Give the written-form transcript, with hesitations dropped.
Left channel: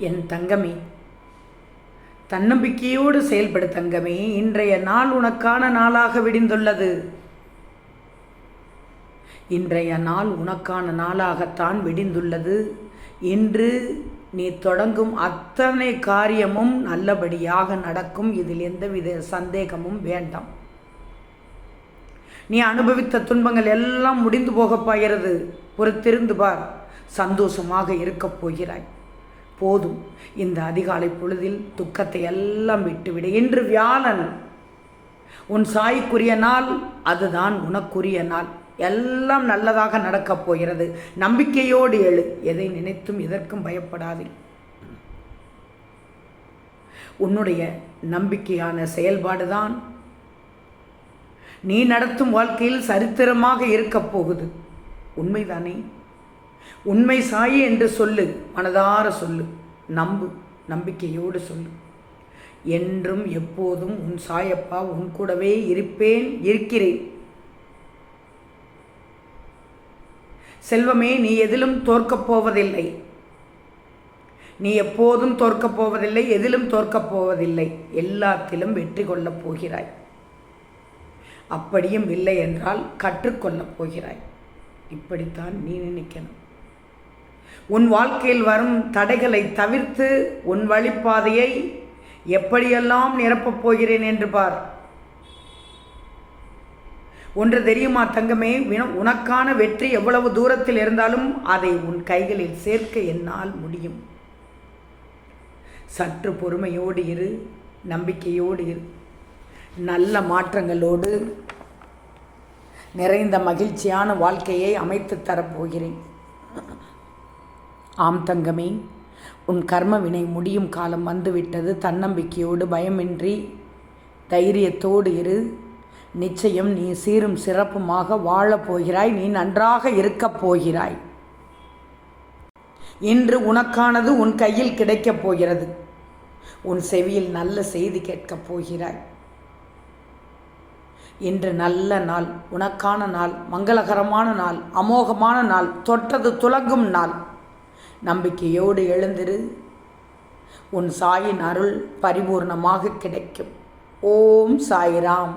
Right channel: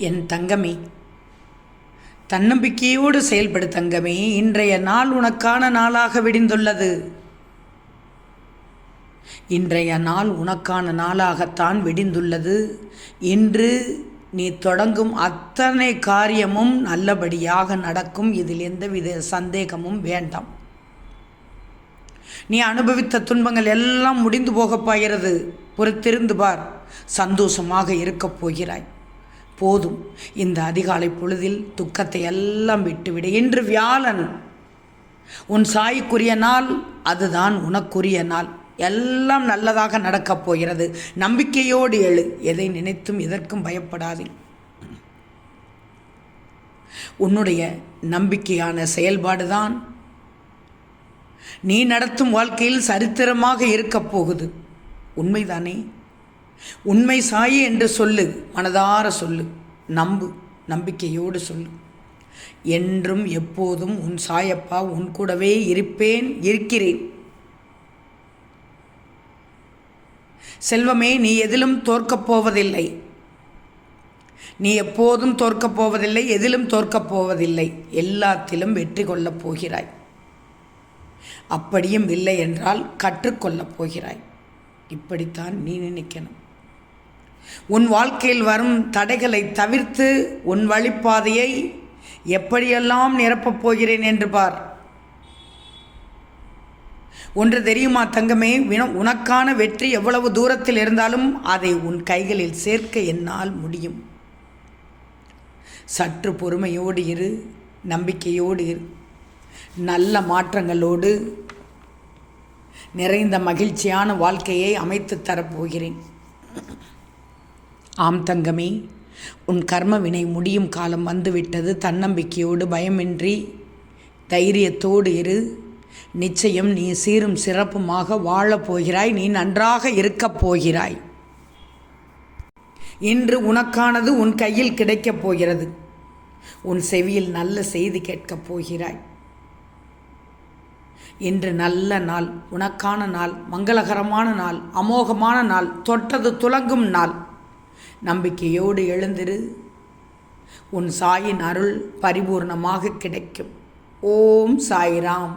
என் தங்கமே, தன்னம்பிக்கையோடு செயல்படு தங்கமே. இன்றைய நாள் உனக்கான நாளாக விடிந்துள்ளது. இன்றைய நாள் உனக்கான நாளாகத்தான் விடிந்துள்ளது. இன்று நீ தொடங்கும் அத்தனை காரியமும் நல்லபடியாக நடக்கும். இதில் எந்தவித சந்தேகமும் வேண்டாம். நீ அனுபவித்த துன்பங்கள் எல்லாம் முடிந்து போகப் போகிறது. பொறுத்திருந்து பார், சந்தோஷமாக இருக்கப் போகிறாய். போதும், இந்த அதிகாலை பொழுதில் துக்கத்தை எல்லாம் விட்டுவிடு. இன்று வியாழன், உன் சாய்க்குரிய நாள், அதுதான் உனக்குரிய நாள். எல்லாம் நல்லதாக நடக்கப் போகிறது. நம்பிக்கையோடு எழு. எதை நினைத்தும் எதற்கும் பயப்படாதே. உன்னுடைய நம்பிக்கையான செயல்பாடுதான் நீ நடத்தும் வாழ்க்கையில் சரித்திரமாக இருக்கப் போகுது. உண்மைதானே? உண்மை சாயி என்று சொல்லு, மனதார சொல்லு, நம்பு, நம்பிக்கையோடு சொல்லு. என்றும் எப்போதும் உன் சாயப்பா உன் கூடவே இருப்பேன், இருக்கிறேன். செல்வமே, நீ எதிலும் தோற்கப் போவதில்லை. நீ எப்போதும் தோற்கப் போவதில்லை, எதிலும் தோற்கப் போவதில்லை. எல்லாத்திலும் வெற்றி கொள்ளப் போகிறாய். அப்படியும் இல்லை என்றால் கற்றுக்கொள்ளப் போகிறாய். இப்படித்தான் நீ நினைக்கணும். உன் வாழ்க்கையில் வரும் தடைகளை தவிர்த்து உன் வழிப்பாதையை எப்படியெல்லாம் நிரப்பப் போகிறேன் என்று பார். ஒன்று தெரியுமா தங்கமே, உனக்கான வெற்றி எவ்வளவு தூரத்தில் இருந்தாலும் அதை உன் கைகளில் சேர்க்க என்னால் முடியும். சற்று பொறுமையோடு இரு, நம்பிக்கையோடு இரு. நல்ல மாற்றங்களோடு நிறைந்த மகிழ்ச்சியான வாழ்க்கையை அமைத்து தரப்போகிறேன். ஆம் தங்கமே, உன் கர்ம வினை முடியும் காலம் வந்துவிட்டது. தன்னம்பிக்கையோடு பயமின்றி தைரியத்தோடு இரு. நிச்சயம் நீ சீரும் சிறப்புமாக வாழப் போகிறாய். நீ நன்றாக இருக்கப் போகிறாய். இன்று உனக்கானது உன் கையில் கிடைக்கப் போகிறது. உன் செவியில் நல்ல செய்தி கேட்கப் போகிறாய். இன்று நல்ல நாள், உனக்கான நாள், மங்களகரமான நாள், அமோகமான நாள், தொட்டது துலங்கும் நாள். நம்பிக்கையோடு எழுந்திரு. உன் சாயின் அருள் பரிபூர்ணமாக கிடைக்கும். ஓம் சாய்ராம்.